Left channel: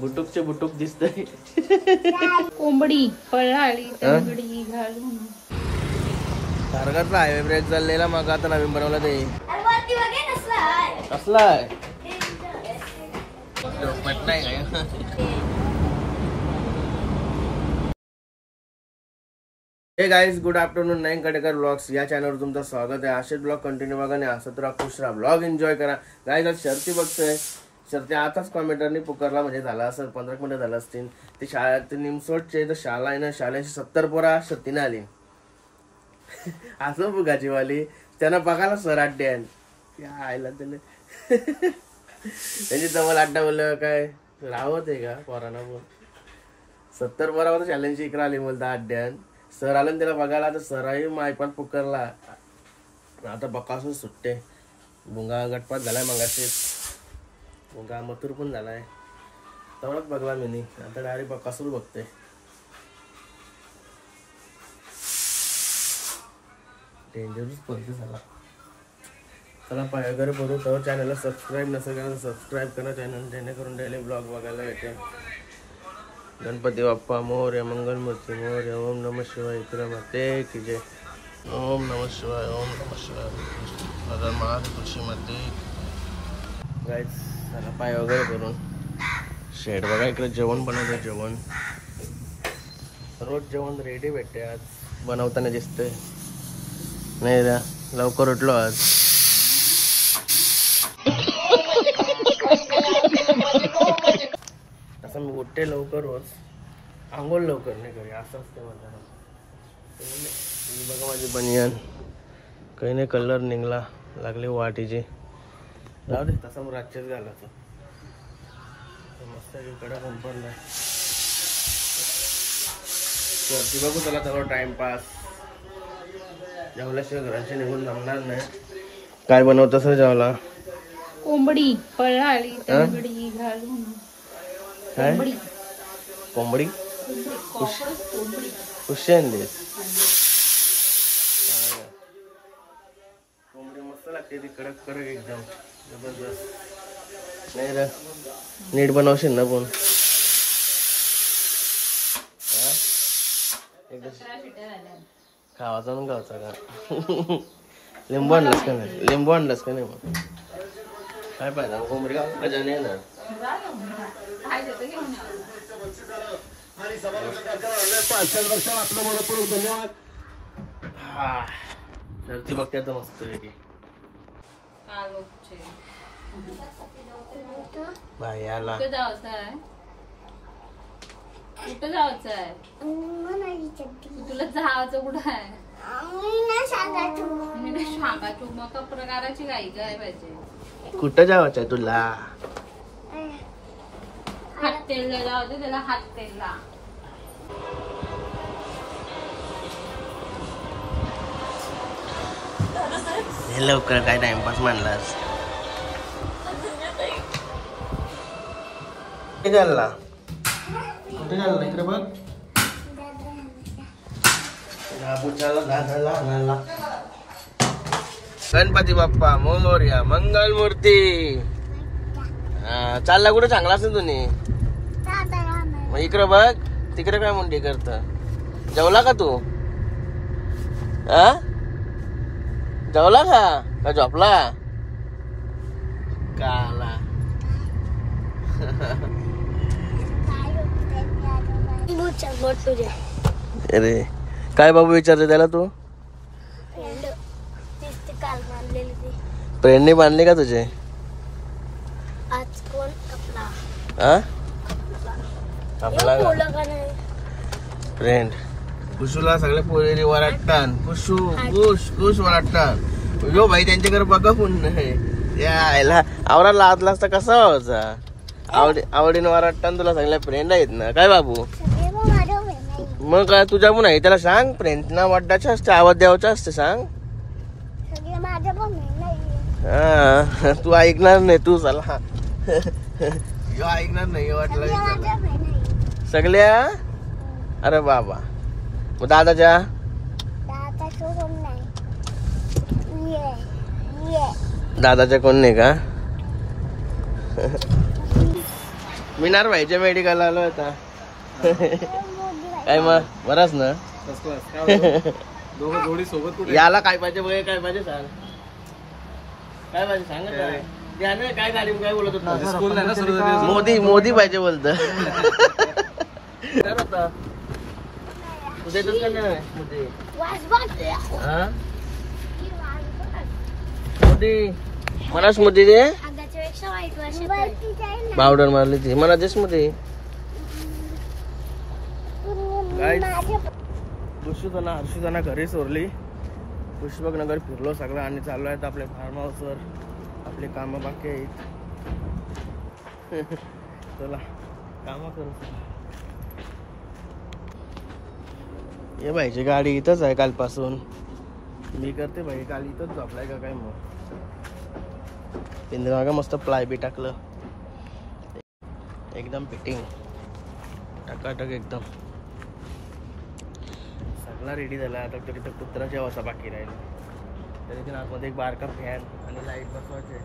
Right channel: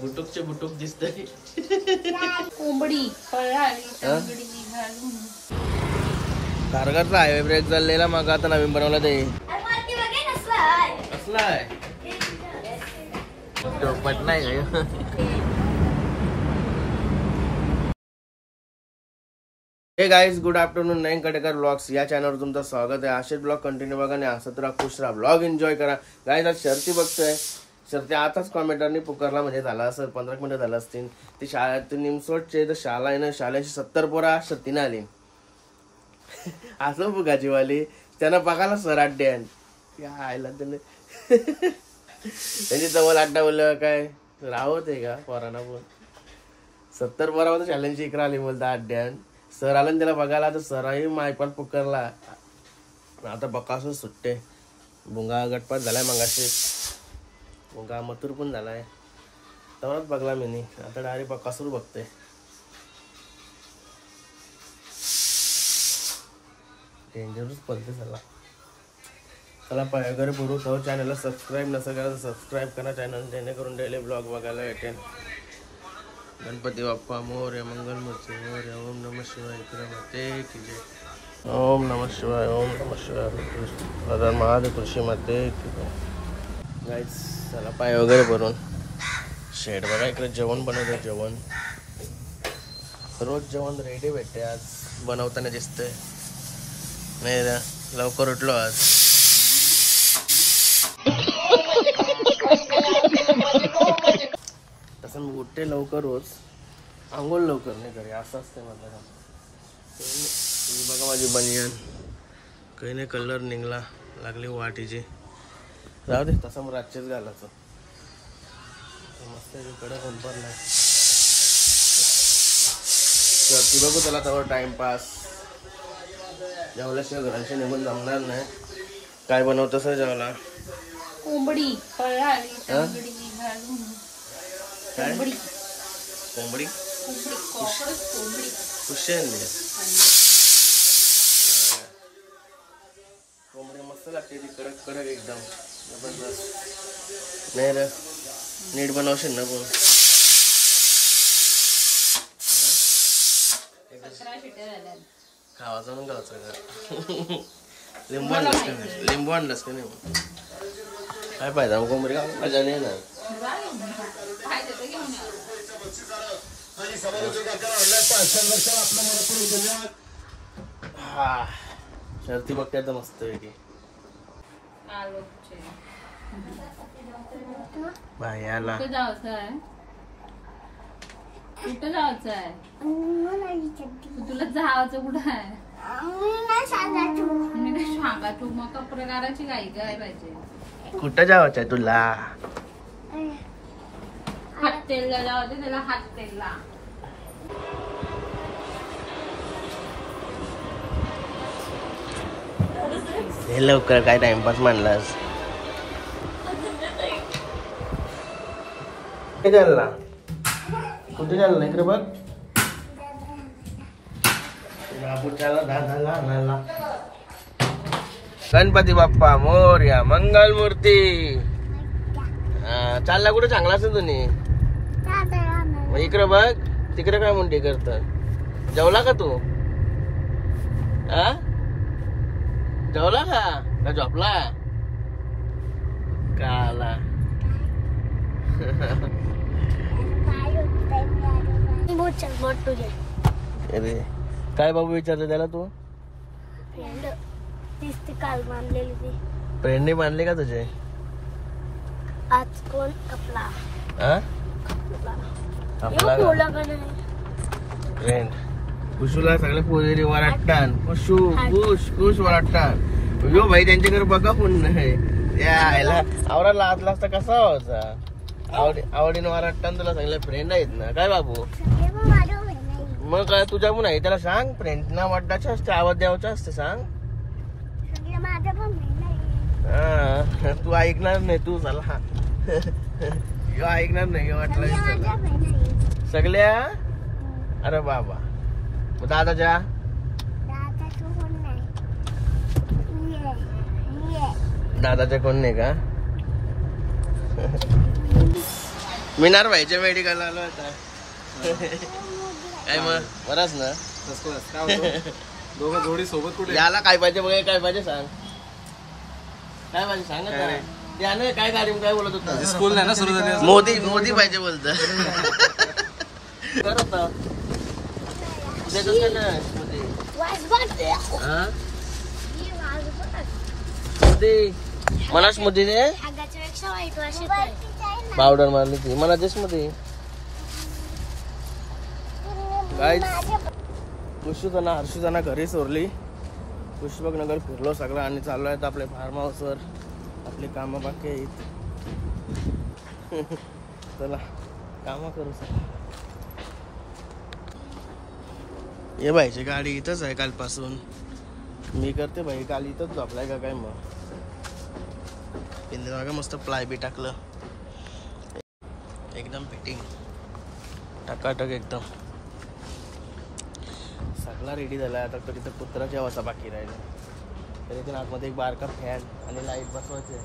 बुटुकचे बुटुक दिसतंय. कोंबडी पळाली तंगडी घालून. कारगारचा हायवे ब्रेक चाललेला मग आता नवीन बनवला ते कसला आहे टोपट नाही काय. हे guys good afternoon. Nine Katekar blogs या चॅनलवर तुमचं स्वागत आहे. असेच ब्लॉग कंटिन्यू बघा आणि असत राहा, खुश राहा, ब्लॉग एन्जॉय करा. गाईज आज शर्ती बघतोय. शर्ती आताच कॉमेंटरनी पुकारला म्हणजे झाला असं 15 मिनिटं झालं असतील. ती शाळेत निमसोडचे तर शाळा आहे ना, शाळेची 70 पोरा शर्तीने आली असं फुगाची वाली. त्यांना बघायला सर अड्ड्यान या आयला त्याने त्यांची जवळ अड्डा बोललं काय राहत आहे का पोरांना. पण 70 पोरामध्ये चॅलेंज इकडे आली बोलता अड्ड्यान. सर आलं त्याला बघायला तर सराही मायपान पुकारला. आता बकासून सुट्टे. भुंगा गटपात झालाय मगाशी. भुंगा मथुर पण झालाय. तेवढाच बघला मी. आता डायरेक्ट बकासूर बघते. डेंजरस पद्धत झाला. चला पाय वगैरे भरू. तर चॅनलला सबस्क्राईब नसेल करा तर सबस्क्राईब करा चॅनल, जेणेकरून डेली ब्लॉग बघायला भेटेल. गणपती बाप्पा मोरया, मंगलमूर्ती मोरया. ओम नमः शिवाय. विक्रमते की जय. ओम नमः शिवाय. ओम नमः शिवाय. दादा महादेव कृषी मध्ये की जय. गाईज चला पाय वगैरे भरून शेड बघा. इकडे जेवण बनवलं. जेवण रोज जेवण रेडी भेटते. आज बनवताना दिसतंय नाही रे. लवकर उठलो आज. तसं मी उठते लवकर रोज. आंघोळ लवकर नाही करी असं असते माझं. बघा माझी बनियान काही नाही कलर निघला लागली वाटीची. जाऊ दे तसा मग रातचेच घालायचं. मस्त कडक संपरलाय. तू बघू त्याला तेवढा टाइमपास. जेवल्याशिवाय घराशी निघून जमणार नाही. काय बनवत असेल जेवला. कोंबडी पळाली तंगडी घालून. कोंबडी कोंबडी कोंबडी खुशी आणली. कोंबडी मस्त लागते ती. कडक कडक एकदम जबरदस्त. नाही रे नीट बनवशील ना पण. खावाचा म्हणून गावचा का. लिंबू आणलंस का नाही. लिंबू आणलंस का नाही मग काय फायदा. कोंबडी गाव मजा नाही ना. शर्ती बघते आता मस्त पैकी. बाई आला. कुठं जायचं आहे. कुठं जायचं आहे. तुला जायचं कुठं आहे. मी नाही सांगायचो मग प्रकाराची गाई काय पाहिजे. कुठं जायचं आहे तुला. हात तेलला जावते त्याला. हात तेलला हे लवकर काय टाइमपास मानलास. कुठे चालला. कुठे चालला इकडे बघ. गणपती बाप्पा मोरया, मंगलमूर्ती. चालला कुठे चांगला असेल तुम्ही. मग इकडे बघ. तिकडे काय मुंडी करत. जेवला का तू. जेवला का झोपला काला. अरे काय बाबू विचारते त्याला तू. फ्रेंडने बांधले का तुझे. आज कोण आपला फ्रेंड कुशूला सगळे पोरी वराटतात. कुशू कुश कुश वराटतात. यो भाई त्यांच्याकडे बघा कोण नाही. यायला आवरा लादला असता कसा व्हायचा. आवडीनं वराटतात. तुला सगळ्या फ्रेंड आहेत ना काय बाबू. मग काय तुझ्या पण आहे त्याला सांग. फ्रेंडना वाटायचं असते. आवाज द्यावाचा असते सांग. हा तू ऐकणार नाही. तू चला ऐकणार नाही वाटलं सगळ्या. अरे बाबा दादाच्या दादाच्या कोण नाही का. मिनार भाईच्या मेडिकल आलो आता. काय मग बराच ना. दोघं जोडी सोबत कुठे याला काय पाहिजे बघ, काय पाहिजे सांग. काय पाहिजे सांग त्याने. काय गाडी काय बोलत होता. स्कूल नाही ना सुरू झाली. मोदी पाहिजे बोलत. तुझ्या येतच का नाही मोदी. हा मोदी मलाच मोदी दे. पावडर मारली ती मला देस मोदी. हर्षुताना घरी सोडली. पुष्पक नगर फिरलो सगळं आणि चाललो आहेत आपले फार्म हाऊसवर. आपले काम बाकी आहेत. चला काम करू सर. ये भाईची गाडी इथंच आहे कालपासून. मी करते भाई काल इथंच झोपलाय का काय. मग पिंजरा मस्त प्लाय बी टाकलं एकदम फिटिंग टाकाटक एकदम. सगळा रेडी झाला. आता तरी तर कुत्रा ठेवायचा बाकी राहिला. तरी पण आतमध्ये एक बारका फॅन आणि लाईट बसवायचे.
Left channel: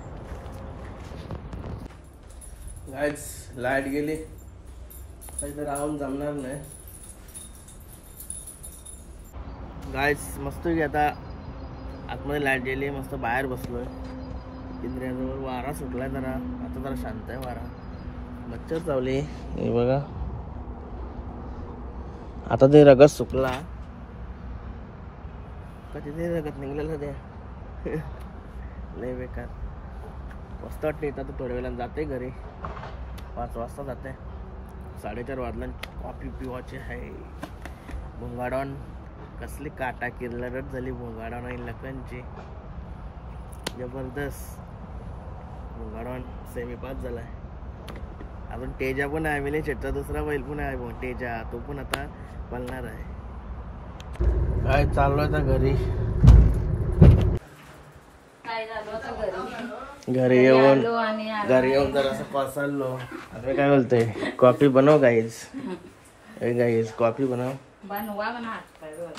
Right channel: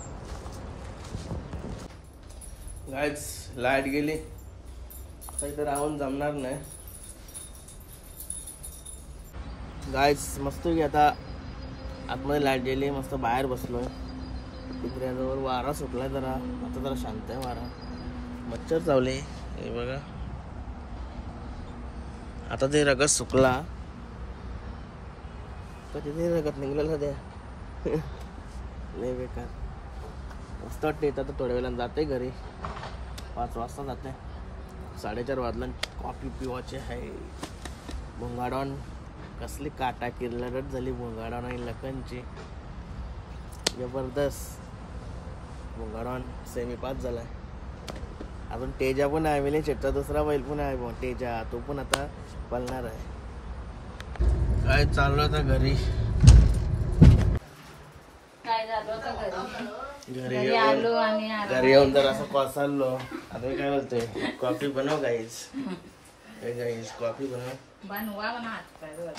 गाईज लाईट गेली काही तर राहून जमणार नाही. गाईज मस्त की आता आतमध्ये लाईट गेली. मस्त बाहेर बसलो पिंजऱ्याजवळ. वारा सुटलाय जरा. आता जरा शांत आहे वारा. मच्छर चावले हे बघा. आता ते रगत सुकला तर तिथे रगत निघलेलं द्या. लय बेकार. मस्त वाटते. येतात तर थोड्या वेळानं जाते घरी. 5 वाजता जाते. 4:30 वाजला. कॉफी पिवायची आहे. भोंगाडॉन कसली काटा किरलट झाली. भोंगाडॉन आणि लखनची जबरदस्त. भोंगाडॉन सेमी 5 झालाय. अजून तेजा पण आहे. मिले चेट्टा दुसरा बैल पण आहे तेजा. तो पण आता पळणार आहे. काय चाललो आता घरी. घरी येऊन जर असं कोसळलो. आता काय बोलतोय कॉफी बनव गाईज. गाईज कॉफी बनव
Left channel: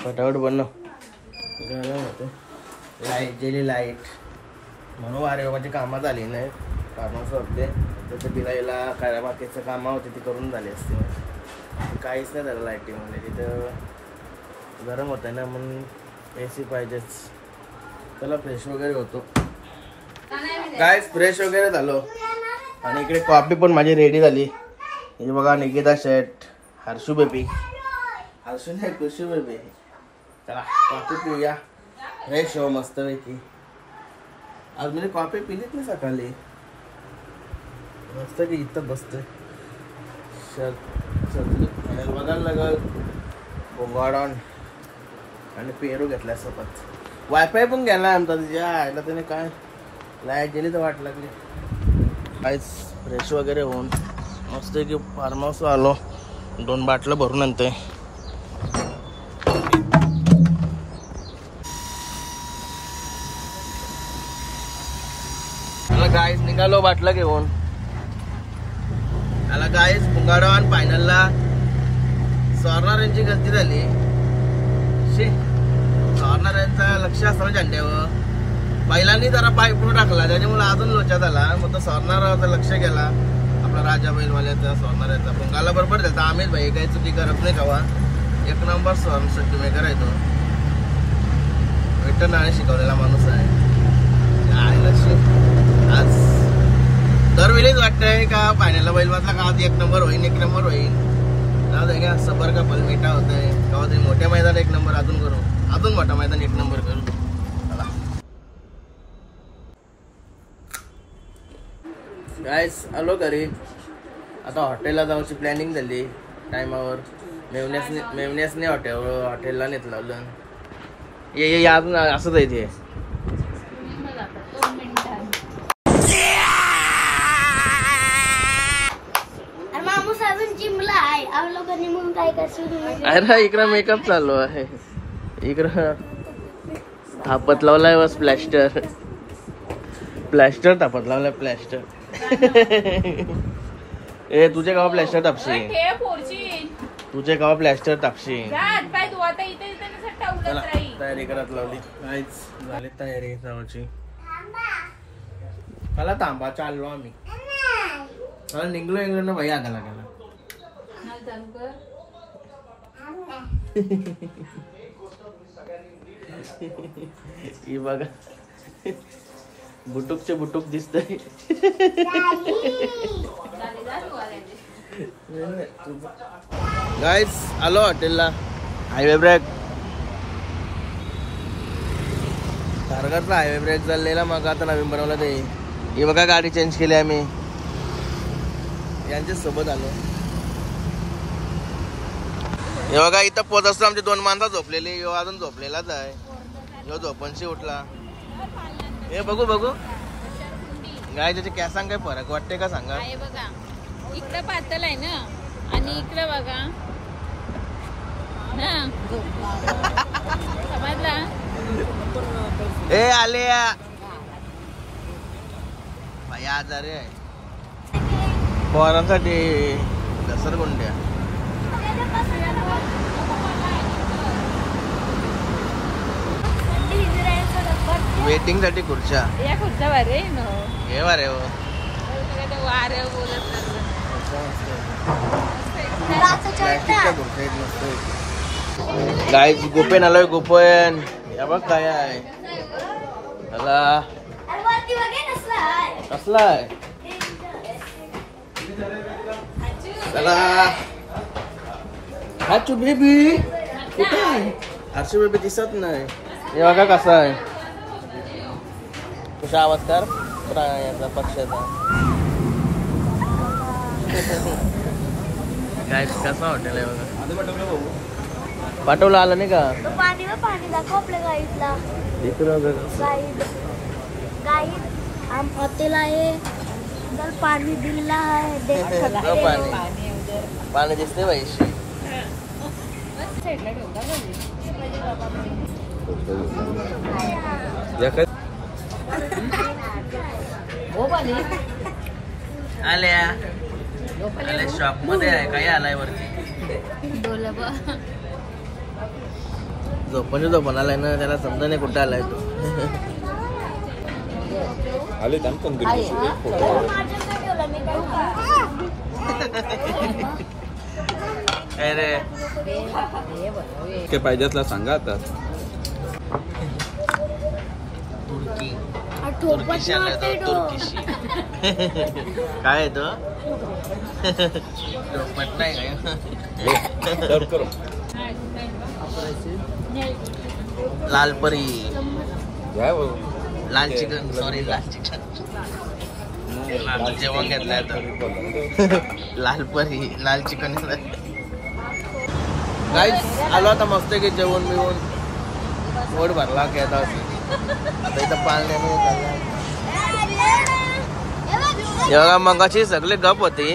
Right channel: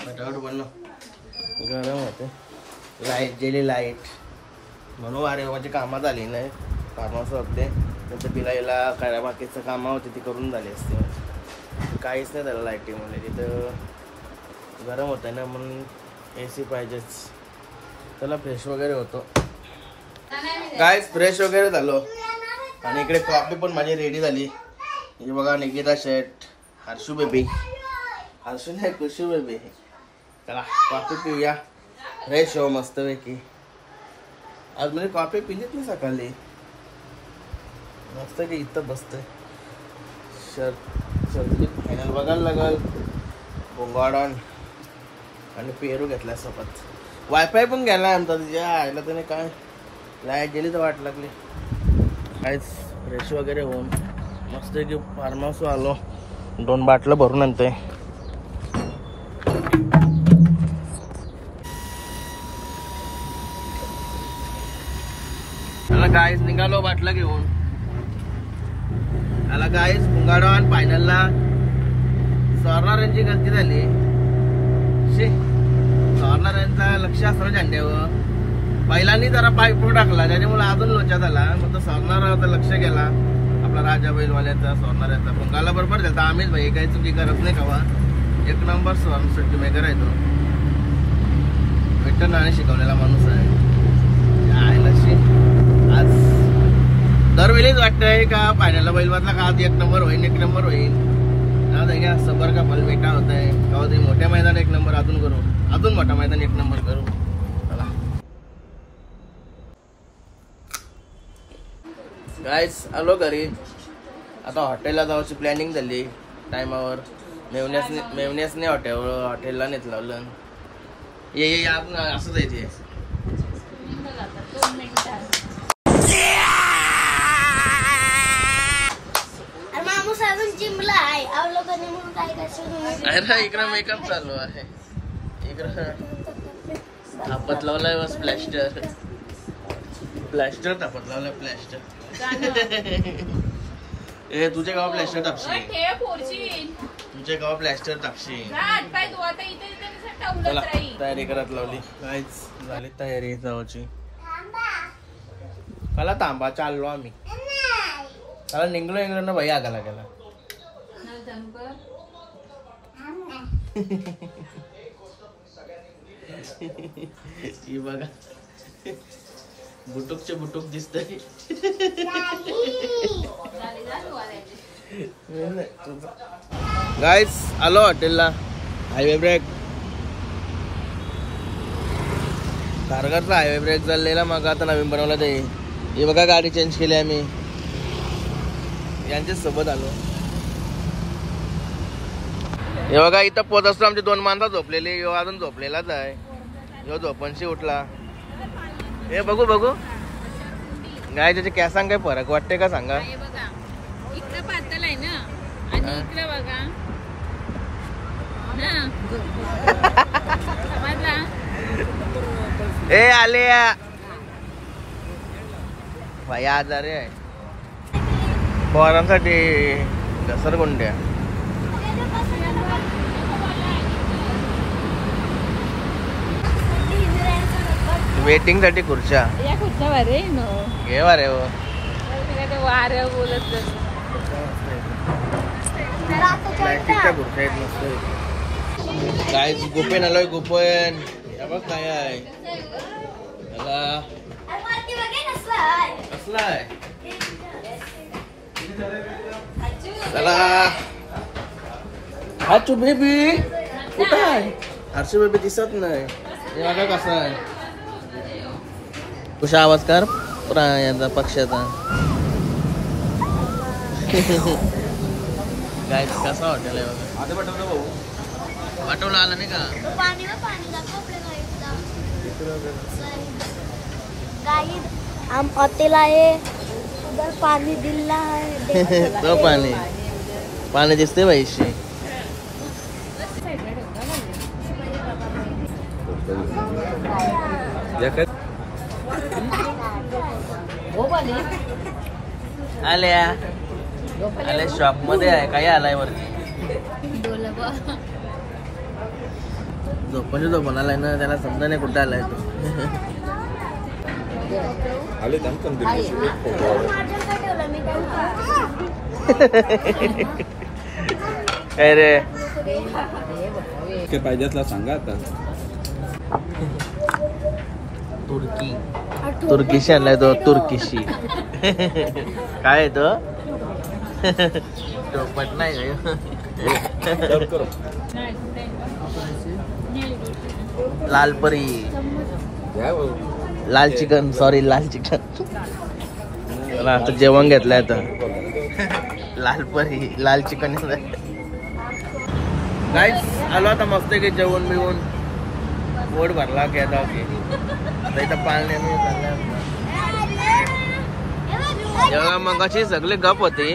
फटाफट बनव. गरम होते. लाईट गेली लाईट म्हणून अरे माझी कामात आली नाही. फार्मास होते त्याचं बिलाईला काय बाकीचं कामं होते ती करून झाली असते. काहीच नाही झालं लाईटीमध्ये. तिथं गरम होतं ना म्हणून AC पाहिजेच. चला फ्रेश वगैरे होतो. गाईज फ्रेश वगैरे झालो आणि इकडे कॉफी पण माझी रेडी झाली. हे बघा निकिता शेट हर्षू बेबी. हर्षू नाही खुशू बेबी. चला कॉफी पिऊया. फ्रेश हो मस्त पैकी. आज म्हणजे कॉफी पिलीच नाही सकाळी. मस्त की इथं बसतोय. शर्ट फायनल बघायला लागल. बोंगाडॉन आणि पेरू घेतलाय सोबत. वायफाय पण गेलाय आमचा. तिच्या आयला त्याने काय लाईट गेली तर वाट लागली. काहीच फ्रेश वगैरे होऊन मस्त की फार्म हाऊस आलो. 2 बाटलं भरून आणतोय. त्याला गाईज निघालो बाटला घेऊन. त्याला गाईज भोंगाडॉन फायनलला सॉर्नर यांची गलती झाली. सॉर्नर यांचा लक्ष असतं झेंड्यावर. बैलांनी जरा पाय पुढे टाकला त्याच्यामुळे अजून लोचा झाला. मग तो सॉर्नर लक्ष गेला आपला राजा बैलवाल्याचा. सॉर्नर यांचा भोंगाला बरोबर त्याचा. आम्ही भाई काही चुकी करत नाही कवा. 1 नंबर शेवटी मेकर आहे तो. वेटरनरी शिकवलेला माणूस आहे. आज दरवेळीच वाटतंय का फायनलला बैल वाजला का आज 1 नंबर होईल 1 नंबर होईल. घ्या सबर का पलमेटा होत आहे का ते मोठ्या मैदान 1 नंबर अजून करू. अजून मोठा मैदान 1 नंबर करू. चला गाईस आलो घरी. आता हॉटेलला जायची प्लॅनिंग झाली टायमावर. मेवण्यासने हॉटेलला नेत लावलं. ये अजून असंच आहे ते. अरे इकडं मेकअप चालू आहे. इकडं थापत लावलाय बस. प्लॅस्टर थापत लावलाय प्लॅस्टर. ए तुझे गाव प्लॅस्टर टापशी. तुझे गाव प्लॅस्टर टापशी. चला तयारी करत लावली. काहीच झाली तयारी जायची. मला थांबा चाललो आम्ही. मला निघलो ना भैया आगाला गेला. ही बघा बुटुकचे बुटुक दिसतंय. गाईज आलो हॉटेलला. हायवे ब्रेक कारगारचा हायवे ब्रेक चाललेला मग आता नवीन बनवला ते. ही बघा गाडी चेंज केली आम्ही यांच्या सोबत आलो. हे बघा इथं पोहोच असतो आमची 2 माणसं झोपलेली. ह्यो अजून झोपलेलाच आहे. ह्यो झोपणशी उठला. हे बघू बघू गाय त्याचे कॅसांग काय फरक वाटते का सांगा. इकडे पातळ आहे ना आणि इकडे बघा समजला. ए आले भाई आजारी आहे. पोरांसाठी घसरगुंड्या. वेटिंग साठी खुर्च्या या खुर्च्या भारी घे वारे हो. प्लॅस्टिकच्या खुर्च्या आहेत मस्त. काय गुपेन आलोय गुपेन. या बघ काय आहे त्याला कसला आहे चला. हाचू बेबी कुठं आहे. हर्षू बेबी दिसत नाही. हे बघा कसा आहे. कुशा आवाज कर यांचा पक्षाचा. काय कसं हॉटेल आहे बघा. पाठवलं आलं नाही का. पाणी दाखव आपल्या गाईडला. गाईड हम हॉटेल आहे. उधर पाणी दिला है देख सकते हो. पाणी दिसते पैसे. आले शॉप मध्ये आहे काय आलाय वरती. झोपण आलाय ना त्याला समजा नाही कुठे आलाय तो. काय रे पाहिजेतला सांगा आता. तुर्कीशी आलाय तो. तुर्कीशी काय आहे तो. चोपट नाही काय. लालपरी लाल चिकन. सॉरी लाल चिकन. आता जेवण घेतलंय तर लालपरी लाल चिकन. गाईस आलो आता मस्त की जेवण बिवून पोट भरला की आता इथं पाळण्याने चाललंय. जेव्हा मगाशी सगळे गप होते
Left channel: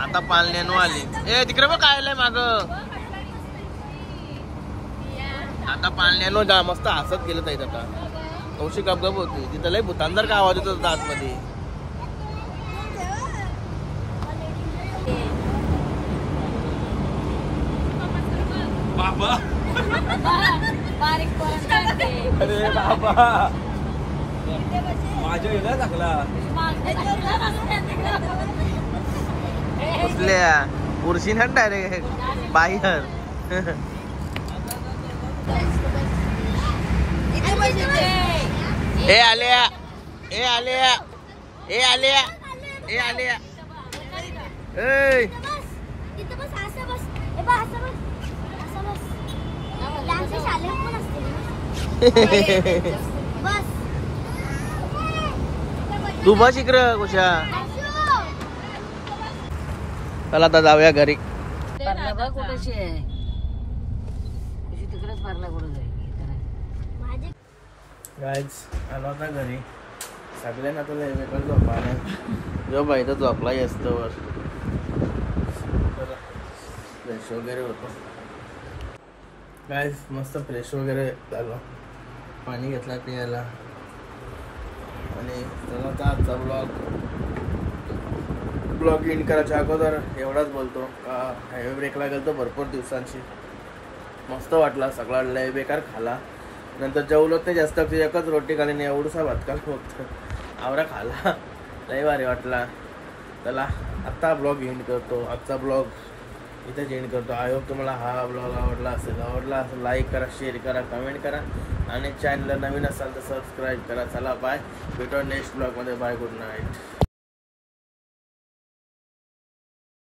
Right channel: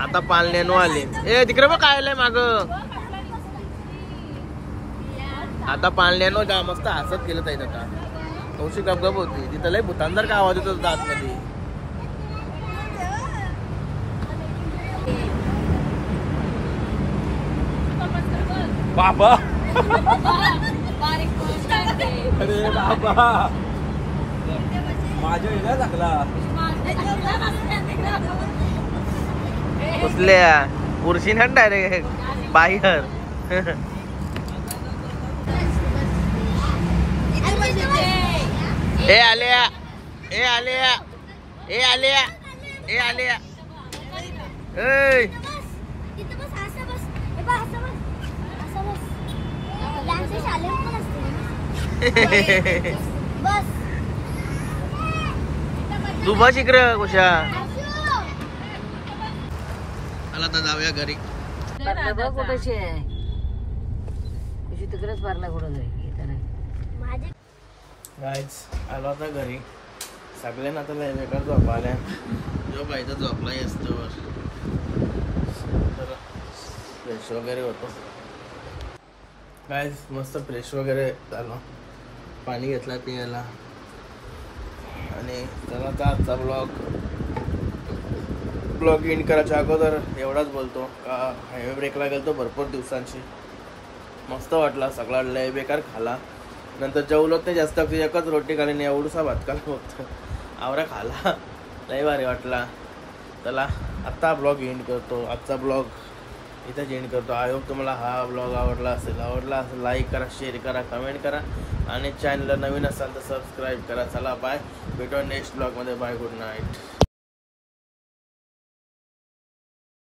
आता पाळण्यानो आले. ए तिकडे बघ काय आलंय माग. आता पाळण्यानो जा मस्त हसत गेलं ताईत. आता कौशी गपगप होती तिथं लय भूतांदर का आवाज येतो दात मध्ये. बाबा अरे बाबा माझ्या वेगळा लागला. कुठल्या पुरशी ना डायरेक्ट बाहेर. ए आल्या ए आल्या ए आल्या ए आल्या. तू बस इकडं कुशा. चला आता जाऊया घरी. गाईज आलो आता घरी. सगळ्यांना आता वेगळं झोप आल्या. जो बाई तर झोपलाही असतो. तर फ्रेश वगैरे होतो. गाईज मस्त फ्रेश वगैरे झालं. पाणी घेतलं पियाला. आणि चला आता आजचा ब्लॉग इन करायच्या अगोदर एवढाच बोलतो का हायवे ब्रेकला गेलो भरपूर दिवसांची. मस्त वाटला. सगळा लय बेकार खाला. नंतर जेवलोच नाही जास्त. एकच रोटी खाली नाही एवढूसा भात खाला फक्त. आवरा खाला लय भारी वाटला. चला आत्ता ब्लॉग एंड करतो. आजचा ब्लॉग इथेच एंड करतो. आय होप तुम्हाला हा ब्लॉग आवडला असेल लाईक करा, शेअर करा, कमेंट करा आणि चॅनलला नवीन असाल तर सबस्क्राईब करा. चला बाय, भेटू नेक्स्ट ब्लॉगमध्ये. Bye, good night.